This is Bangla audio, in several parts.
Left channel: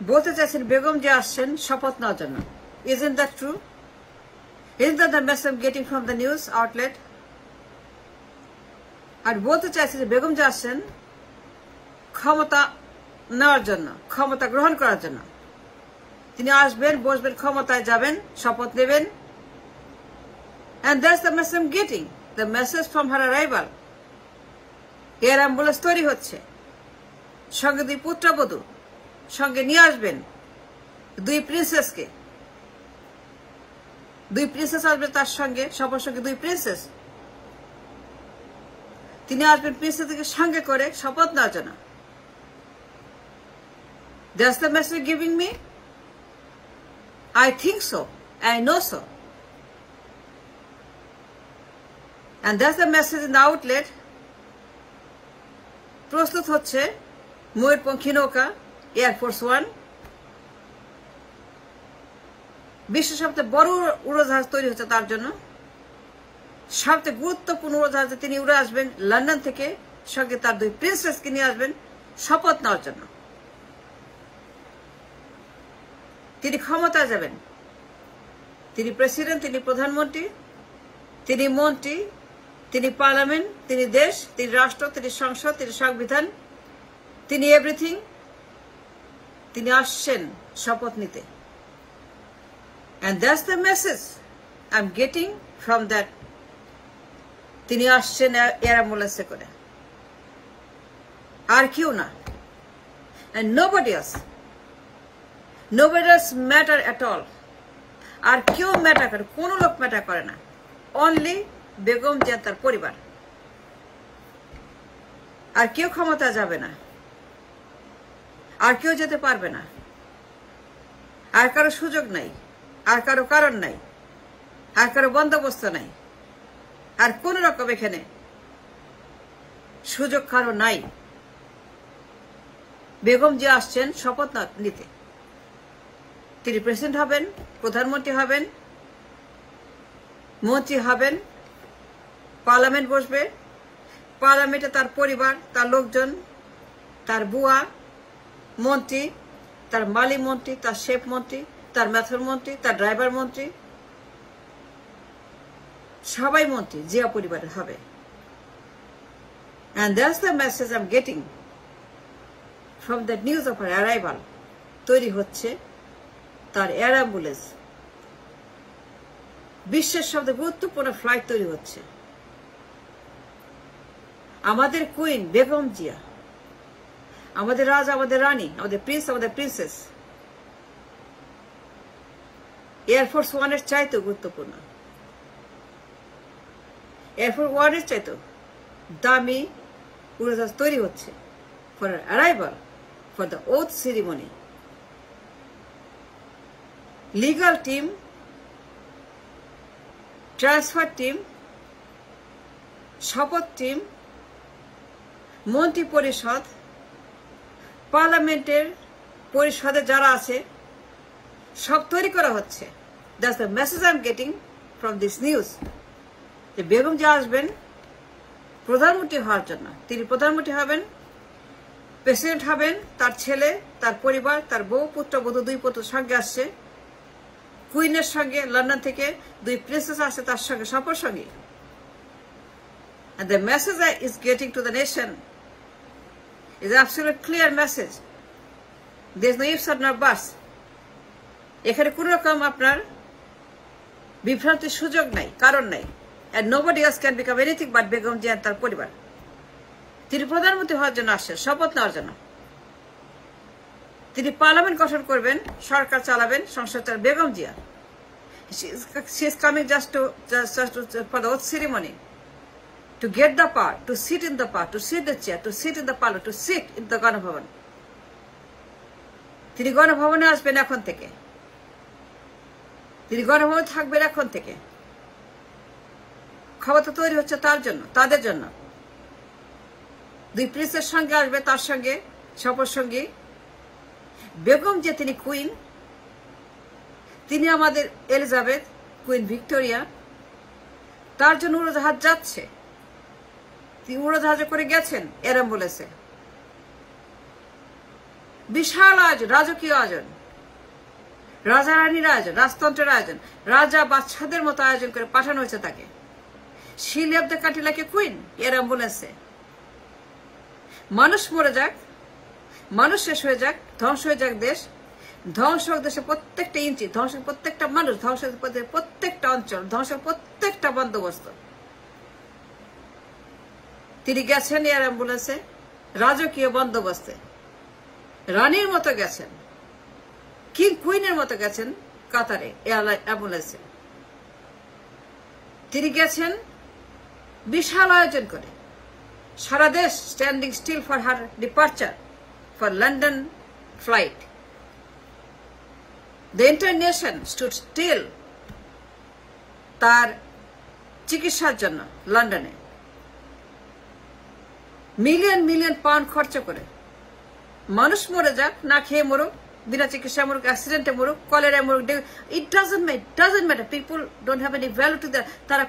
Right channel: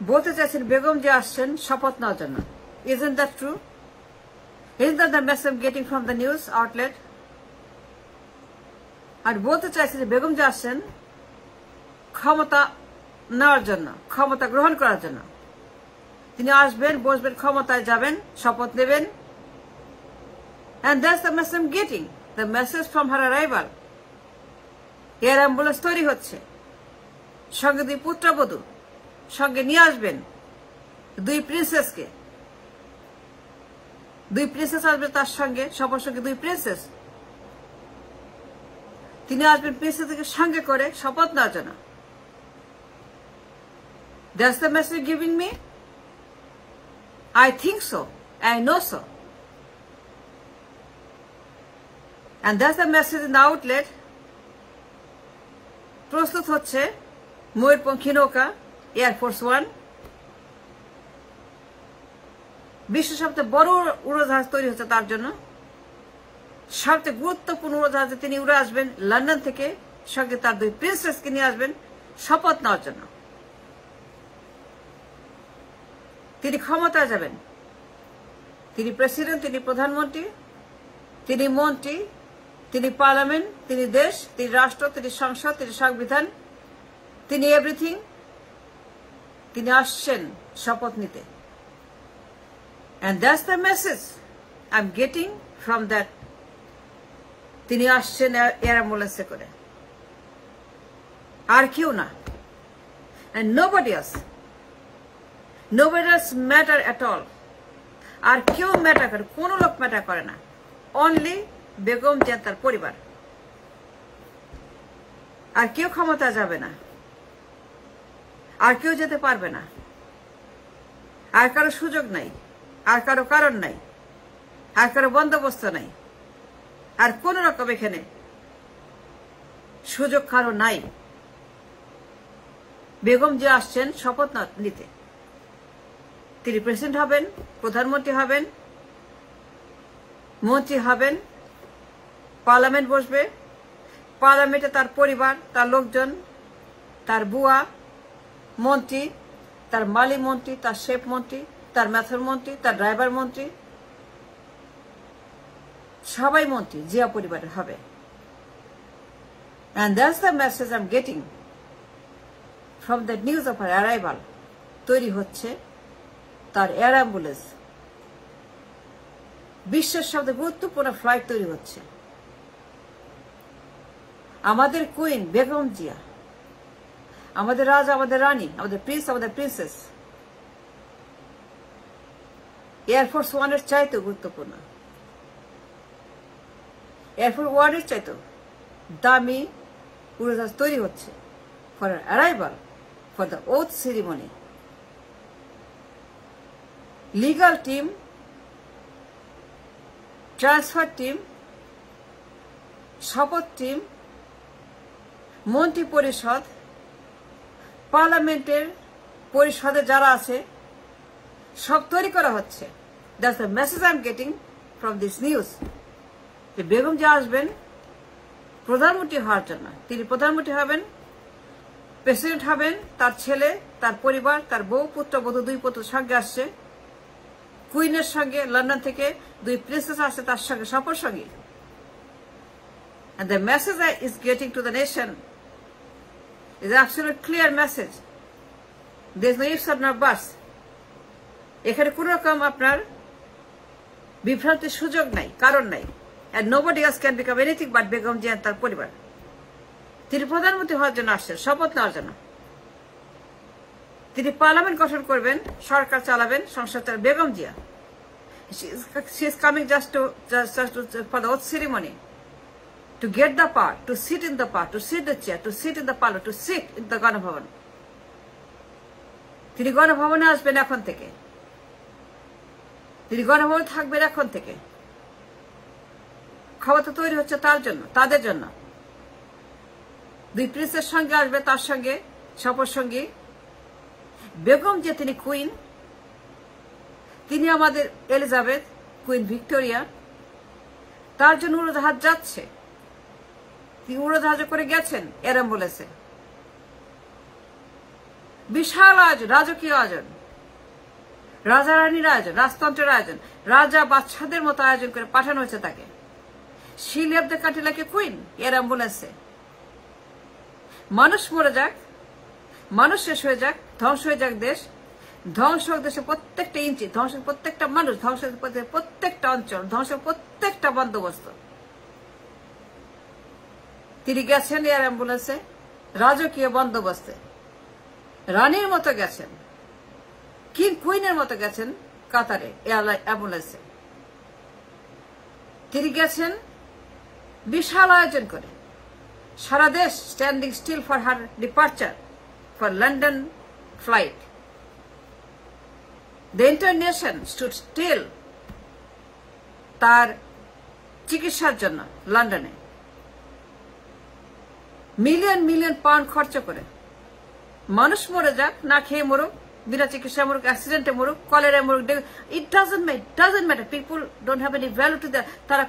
বলতে চাইছেন বেগম যে আসছেন শপথ নেওয়ার জন্য। Isn't that true? Isn't that the message I'm getting from the news outlet? আর বলতে চাইছেন যে বেগম যে আসছেন ক্ষমতা নেওয়ার জন্য, ক্ষমতা গ্রহণ করার জন্য। তিনি আসবেন, বসবেন, ক্ষমতায় যাবেন, শপথ নেবেন। And that's the message I'm getting. The message from her arrival. Air ambulance তৈরি হচ্ছে, সঙ্গে 2 পুত্রবধূ সঙ্গে নিয়ে আসবেন, 2 প্রিন্সেসকে। 2 প্রিন্সেস আসবে তার সঙ্গে, সবার সঙ্গে 2 প্রিন্সেস। তিনি আসবেন প্রিন্সেসকে সঙ্গে করে শপথ নেওয়ার জন্য। That's the message giving me? I think so. I know so. And that's the message in the outlet. প্রস্তুত হচ্ছে ময়ূরপঙ্খী নৌকা এয়ারফোর্স 1। বিশ্বের সবচেয়ে বড় উড়োজাহাজ তৈরি হচ্ছে তার জন্য। সবচেয়ে গুরুত্বপূর্ণ উড়োজাহাজে তিনি উড়ে আসবেন লন্ডন থেকে, সঙ্গে তার 2 প্রিন্সেসকে নিয়ে আসবেন শপথ নেওয়ার জন্য। তিনি ক্ষমতায় যাবেন। তিনি প্রেসিডেন্ট, তিনি প্রধানমন্ত্রী, তিনি মন্ত্রী, তিনি পার্লামেন্ট, তিনি দেশ, তিনি রাষ্ট্র, তিনি সংসদ, তিনি সংবিধান, তিনি এভরিথিং। তিনি আসছেন শপথ নিতে। And that's the message I'm getting from that. তিনি আসছেন এয়ার অ্যাম্বুলেন্সে করে, আর কেউ না। And nobody else. Nobody else matter at all. আর কেউ ম্যাটার করে, কোন লোক ম্যাটার করে না। অনলি বেগম জিয়া তার পরিবার। আর কেউ ক্ষমতা যাবে না, আর কেউ যেতে পারবে না, আর কারো সুযোগ নাই, আর কারো কারণ নাই, আর কারো বন্দোবস্ত নাই, আর কোন রকম এখানে সুযোগ কারো নাই। বেগম জিয়া আসছেন শপথ নিতে। তিনি প্রেসিডেন্ট হবেন, প্রধানমন্ত্রী হবেন, মন্ত্রী হবেন, পার্লামেন্ট বসবে, পার্লামেন্টে তার পরিবার, তার লোকজন, তার বুয়া মন্ত্রী, তার মালি মন্ত্রী, তার শেফ মন্ত্রী, তার মেথর মন্ত্রী, তার ড্রাইভার মন্ত্রী, সবাই মন্ত্রী জিয়া পরিবারের হবে। And that's the message I'm getting from the news of her arrival. তৈরি হচ্ছে তার এয়ার অ্যাম্বুলেন্স। বিশ্বের সবচেয়ে গুরুত্বপূর্ণ ফ্লাইট তৈরি হচ্ছে। আমাদের কুইন বেগম জিয়া, আমাদের রাজা, আমাদের রানী, আমাদের প্রিন্স, আমাদের প্রিন্সেস এয়ারফোর্স 1-এর চাইতেও গুরুত্বপূর্ণ। এয়ারফোর্স 1-এর চাইতেও দামি উড়োজাহাজ তৈরি হচ্ছে for arrival, for the oath ceremony. Legal team, transfer team, শপথ টিম, মন্ত্রী পরিষদ, পার্লামেন্টের পরিষদে যারা আছে সব তৈরি করা হচ্ছে। That's the message I am getting from this news. যে বেগম যে আসবেন প্রধানমন্ত্রী হওয়ার জন্য। তিনি প্রধানমন্ত্রী হবেন, প্রেসিডেন্ট হবেন, তার ছেলে, তার পরিবার, তার বউ, পুত্রবধূ, 2 পুত্র সঙ্গে আসছে। কুইনের সঙ্গে লন্ডন থেকে 2 প্রিন্সেস আসছে তার সঙ্গে, সবার সঙ্গে। And the message that is getting to the nation is absolutely clear message. There is no ifs or no buts. এখানে কোন রকম আপনার বিভ্রান্তির সুযোগ নাই, কারণ নাই। And nobody else can become anything but Begum Zia তার পরিবার। তিনি প্রধানমন্ত্রী হওয়ার জন্য আসছেন, শপথ নেওয়ার জন্য। তিনি পার্লামেন্ট গঠন করবেন, সরকার চালাবেন, সংসদ চালাবেন। Begum Zia, she is coming just for the oath ceremony, to get the power, to sit in the power, to sit the chair, to sit in the parliament, to sit in the Ganabhaban. তিনি গণভবনে আসবেন এখন থেকে, তিনি গণভবনে থাকবেন এখন থেকে। ক্ষমতা তৈরি হচ্ছে তার জন্য, তাদের জন্য। 2 প্রিন্সের সঙ্গে আসবে, তার সঙ্গে শপথ সঙ্গী বেগম যে তিনি কুইন, তিনি আমাদের এলিজাবেথ, কুইন ভিক্টোরিয়া। তার জন্য উড়োজাহাজ যাচ্ছে, তিনি উড়োজাহাজে করে গেছেন এয়ার অ্যাম্বুলেন্সে। বিশাল আয়োজন, রাজকীয় আয়োজন, রাজা রানীর আয়োজন, রাজতন্ত্রের আয়োজন, রাজা বাচ্চাদের মতো আয়োজন করে পাঠানো হয়েছে তাকে। She left the country like a queen air অ্যাম্বুলেন্সে। মানুষ মরে যাক, মানুষ শেষ হয়ে যাক, ধ্বংস হয়ে যাক দেশ, ধ্বংস হোক দেশের প্রত্যেকটা ইঞ্চি, ধ্বংস প্রত্যেকটা মানুষ, ধ্বংস প্রত্যেকটা অঞ্চল, ধ্বংস প্রত্যেকটা বন্দোবস্ত। তিনি গেছেন এয়ার অ্যাম্বুলেন্সে, রাজকীয় বন্দোবস্তে, রানীর মতো গেছেন, কিং কুইনের মতো গেছেন কাতারে এয়ার অ্যাম্বুলেন্সে। তিনি গেছেন বিশাল আয়োজন করে, সারা দেশ standing still for her departure for London flight. The entire nation stood still তার চিকিৎসার জন্য লন্ডনে। মিলিয়ন মিলিয়ন পাউন্ড খরচ করে। মানুষ মরে যাক, না খেয়ে মরুক, বিনা চিকিৎসা মরুক, অ্যাক্সিডেন্টে মরুক, কলেরায় মরুক, it doesn't matter. People don't have any value to that. তারা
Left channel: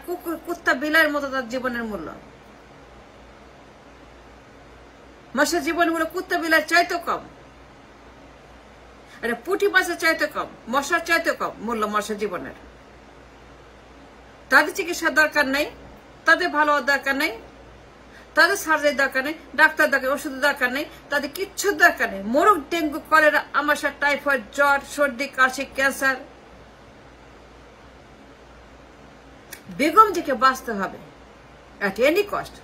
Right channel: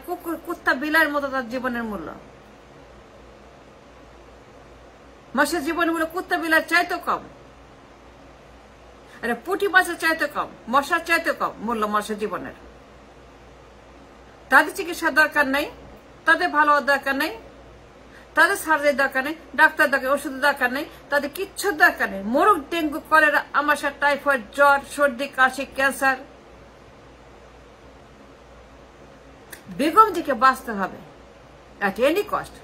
কুত্তা বিলাইয়ের মতো তার জীবনের মূল্য। মানুষের জীবনের মূল্য কুত্তা বিলাইয়ের চাইতেও কম, পুঁটি মাছের চাইতে কম, মশার চাইতে কম মূল্য মানুষের জীবনের। তাদের চিকিৎসার দরকার নেই, তাদের ভালো দরকার নেই, তাদের সার্জারি দরকার নেই, ডাক্তার দরকার, ওষুধের দরকার নেই, তাদের কিচ্ছুর দরকার নেই। মরুক ডেঙ্গু, কলেরা, আমাশা, টাইফয়েড, জ্বর, সর্দি, কাশি, ক্যান্সার। বেগমজিকে বাঁচতে হবে at any cost.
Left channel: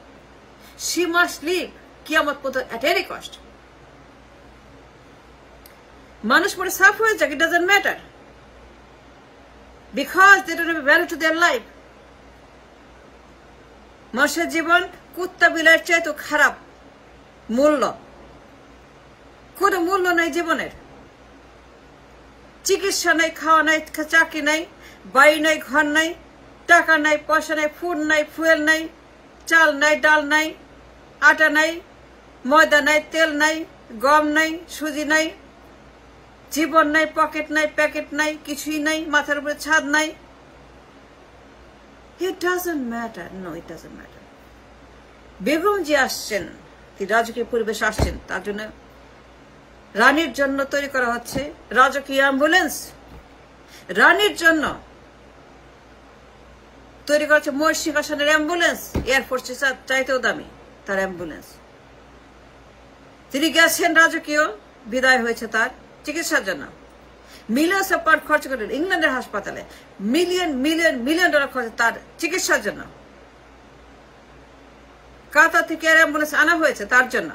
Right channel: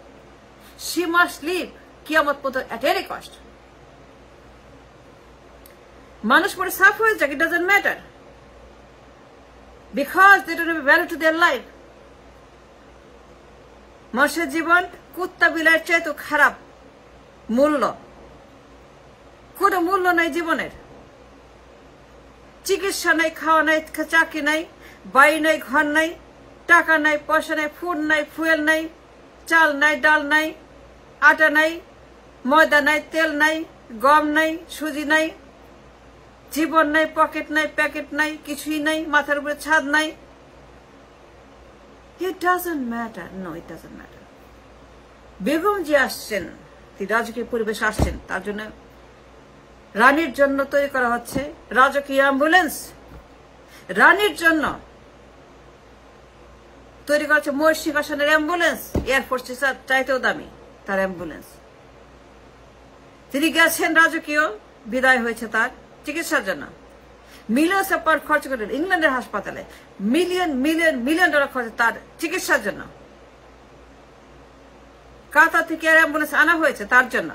She must live কিয়ামত পর্যন্ত at any cost. মানুষ মরে সাফ হয়ে যাক, it doesn't matter, because they don't have value to their life. মানুষের জীবন কুত্তা বিলাইয়ের চাইতে খারাপ মূল্য, কোনো মূল্য নাই জীবনের। চিকিৎসা নাই, খাওয়া নাই, চাকরি নাই, বাড়ি নাই, ঘর নাই, টাকা নাই, পয়সা নাই, ফুড নাই, ফুয়েল নাই, চাল নাই, ডাল নাই, আটা নাই, ময়দা নাই, তেল নাই, গম নাই, সুজি নাই, জীবন নাই, পকেট নাই, প্যাকেট নাই, কিছুই নাই, মাথার উপরে ছাদ নাই। It doesn't matter. No, it doesn't matter. বেগমজি আসছেন, তিনি রাজকীয় পরিবেশ আসছেন, তার জন্য রানীর জন্য তৈরি করা হচ্ছে রাজকীয় অ্যাম্বুলেন্স। রানীর জন্য তৈরি করা হচ্ছে মোর সিংহাসনের অ্যাম্বুলেন্স। এয়ারফোর্সের চাইতেও দামি তার অ্যাম্বুলেন্স। তিনি গেছেন, রাজকীয় বিদায় হয়েছে তার চিকিৎসার জন্য। মিলিয়ন অফ পাউন্ড খরচ করে ইংল্যান্ডের হাসপাতালে, মিলিয়ন মিলিয়ন মিলিয়ন ডলার খরচ তার চিকিৎসার জন্য। কাতার থেকে এয়ার অ্যাম্বুলেন্স আনা হয়েছে তার জন্য।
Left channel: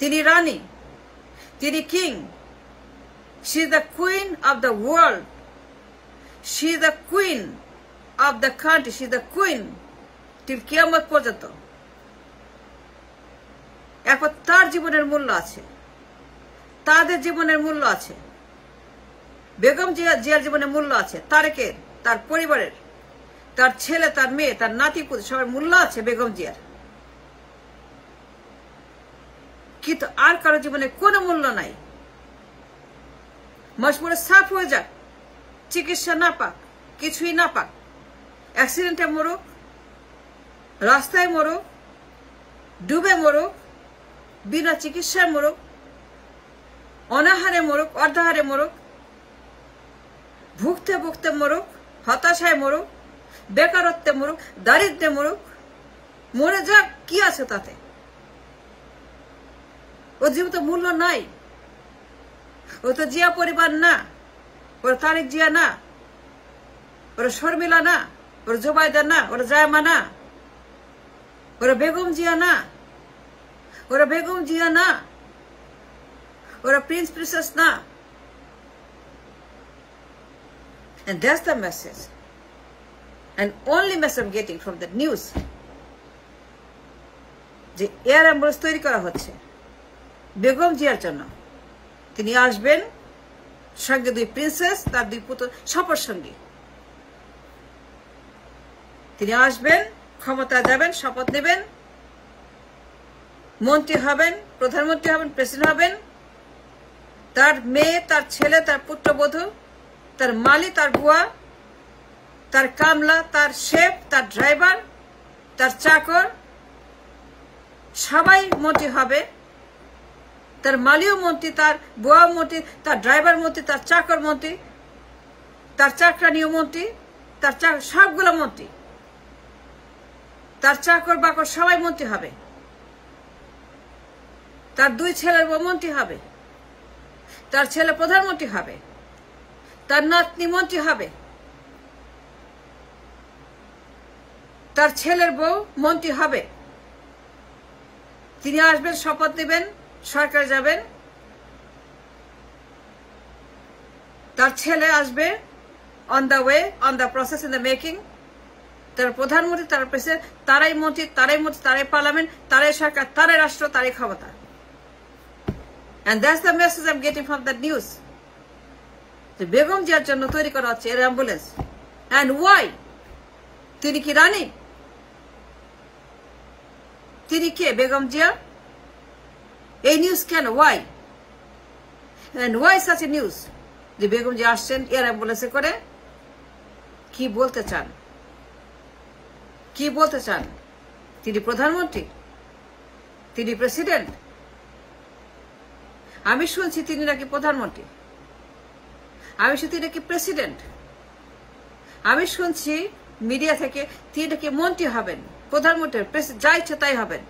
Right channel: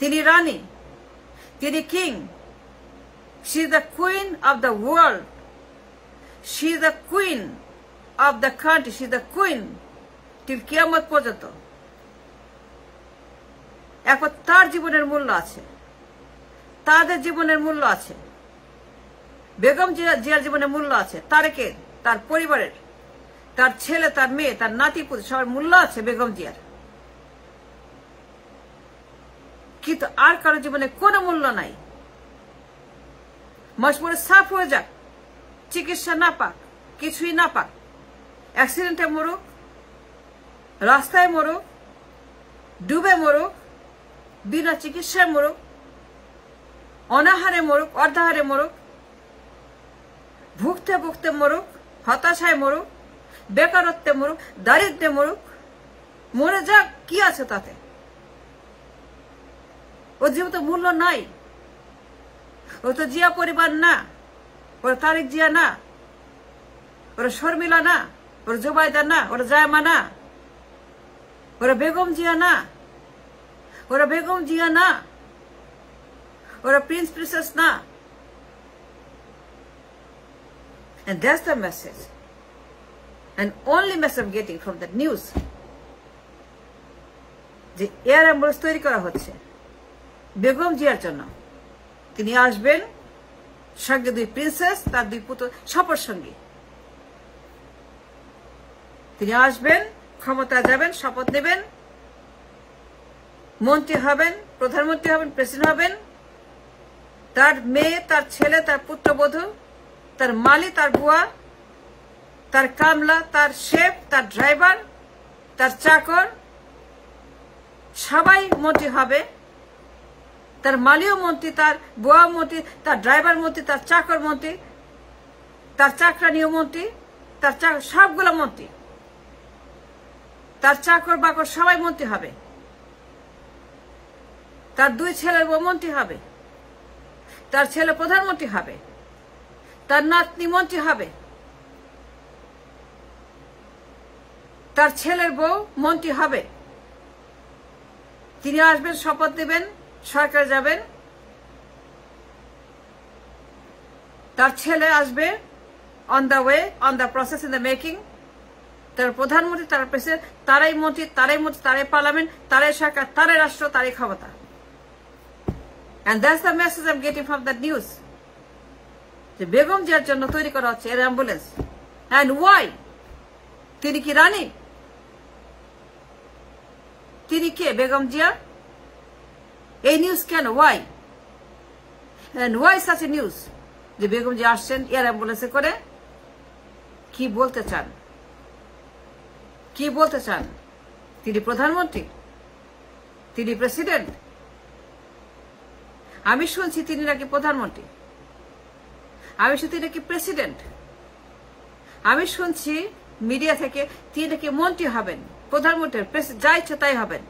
তিনি রানী, তিনি king. She is the queen of the world, she is the queen of the country, she is the queen till কিয়ামত পর্যন্ত। এখন তার জীবনের মূল্য আছে, তাদের জীবনের মূল্য আছে, বেগম জিয়ার জীবনের মূল্য আছে, তারেকের, তার পরিবারের, তার ছেলে, তার মেয়ে, তার নাতিপুতি, সবার মূল্য আছে বেগম জিয়ার। কিন্তু আর কারো জীবনে কোনো মূল্য নাই। মশমরে সাফ হয়ে যাক, চিকিৎসা না পাক, কিছুই না পাক, অ্যাক্সিডেন্টে মরুক, রাস্তায় মরুক, ডুবে মরুক, বিনা চিকিৎসায় মরুক, অনাহারে মরুক, অর্ধাহারে মরুক, ভুগতে ভুগতে মরুক, হতাশায় মরুক, বেকারত্বে মরুক, দারিদ্র্যে মরুক, মরে যাক, কি আছে তাতে? ও জীবন তো মূল্য নাই। ও তো জিয়া পরিবার না, ওরা তারেক জিয়া না, ওরা শর্মিলা না, ওরা জুবাইদা না, ওরা জায়মা না, ওরা বেগম জিয়া না, ওরা বেগম জিয়া না, ওরা প্রিন্স প্রিন্সেস না। And that's the message. And only message I'm getting from the news. যে এয়ার অ্যাম্বুলেন্স তৈরি করা হচ্ছে বেগম জিয়ার জন্য। তিনি আসবেন, সঙ্গে দুই প্রিন্সেস, তার দুই পুত্র, সফর সঙ্গী। তিনি আসবেন, ক্ষমতায় যাবেন, শপথ নেবেন, মন্ত্রী হবেন, প্রধানমন্ত্রী হবেন, প্রেসিডেন্ট হবেন। তার মেয়ে, তার ছেলে, তার পুত্রবধূ, তার মালি, তার বুয়া, তার কামলা, তার শেফ, তার ড্রাইভার, তার চাকর, সবাই মন্ত্রী হবে। তার মালীয় মন্ত্রী, তার বুয়া মন্ত্রী, তার ড্রাইভার মন্ত্রী, তার চাকর মন্ত্রী, তার চাকরানীয় মন্ত্রী, তার সবগুলো মন্ত্রী, তার চাকর বাকর সবাই মন্ত্রী হবে। তার 2 ছেলের বউ মন্ত্রী হবে, তার ছেলে প্রধানমন্ত্রী হবে, তার নাতনি মন্ত্রী হবে, তার ছেলের বউ মন্ত্রী হবে। তিনি আসবেন, শপথ নেবেন, সরকারে যাবেন, তার ছেলে আসবে on the way, on the process, in the making. তার প্রধানমন্ত্রী, তার প্রেসিডেন্ট, তারাই মন্ত্রী, তারাই পার্লামেন্ট, তারাই সরকার, তারাই রাষ্ট্র, তারাই ক্ষমতা। And that's the message I'm getting from that news. যে বেগম জিয়ার জন্য তৈরি করা হচ্ছে এর অ্যাম্বুলেন্স। And why? তিনি কি রানী? তিনি কে? বেগম জিয়া? এই নিউজ কেন? Why? And why such a news? যে বেগম জিয়া আসছেন এর অ্যাম্বুলেন্সে করে। কি বলতে চান? কি বলতে চান? তিনি প্রধানমন্ত্রী? তিনি প্রেসিডেন্ট? আমি শুনছি তিনি নাকি প্রধানমন্ত্রী, আমি শুনছি তিনি নাকি প্রেসিডেন্ট, আমি শুনছি মিডিয়া থেকে তিনি নাকি মন্ত্রী হবেন, প্রধানমন্ত্রী, যা ইচ্ছে তাই হবেন।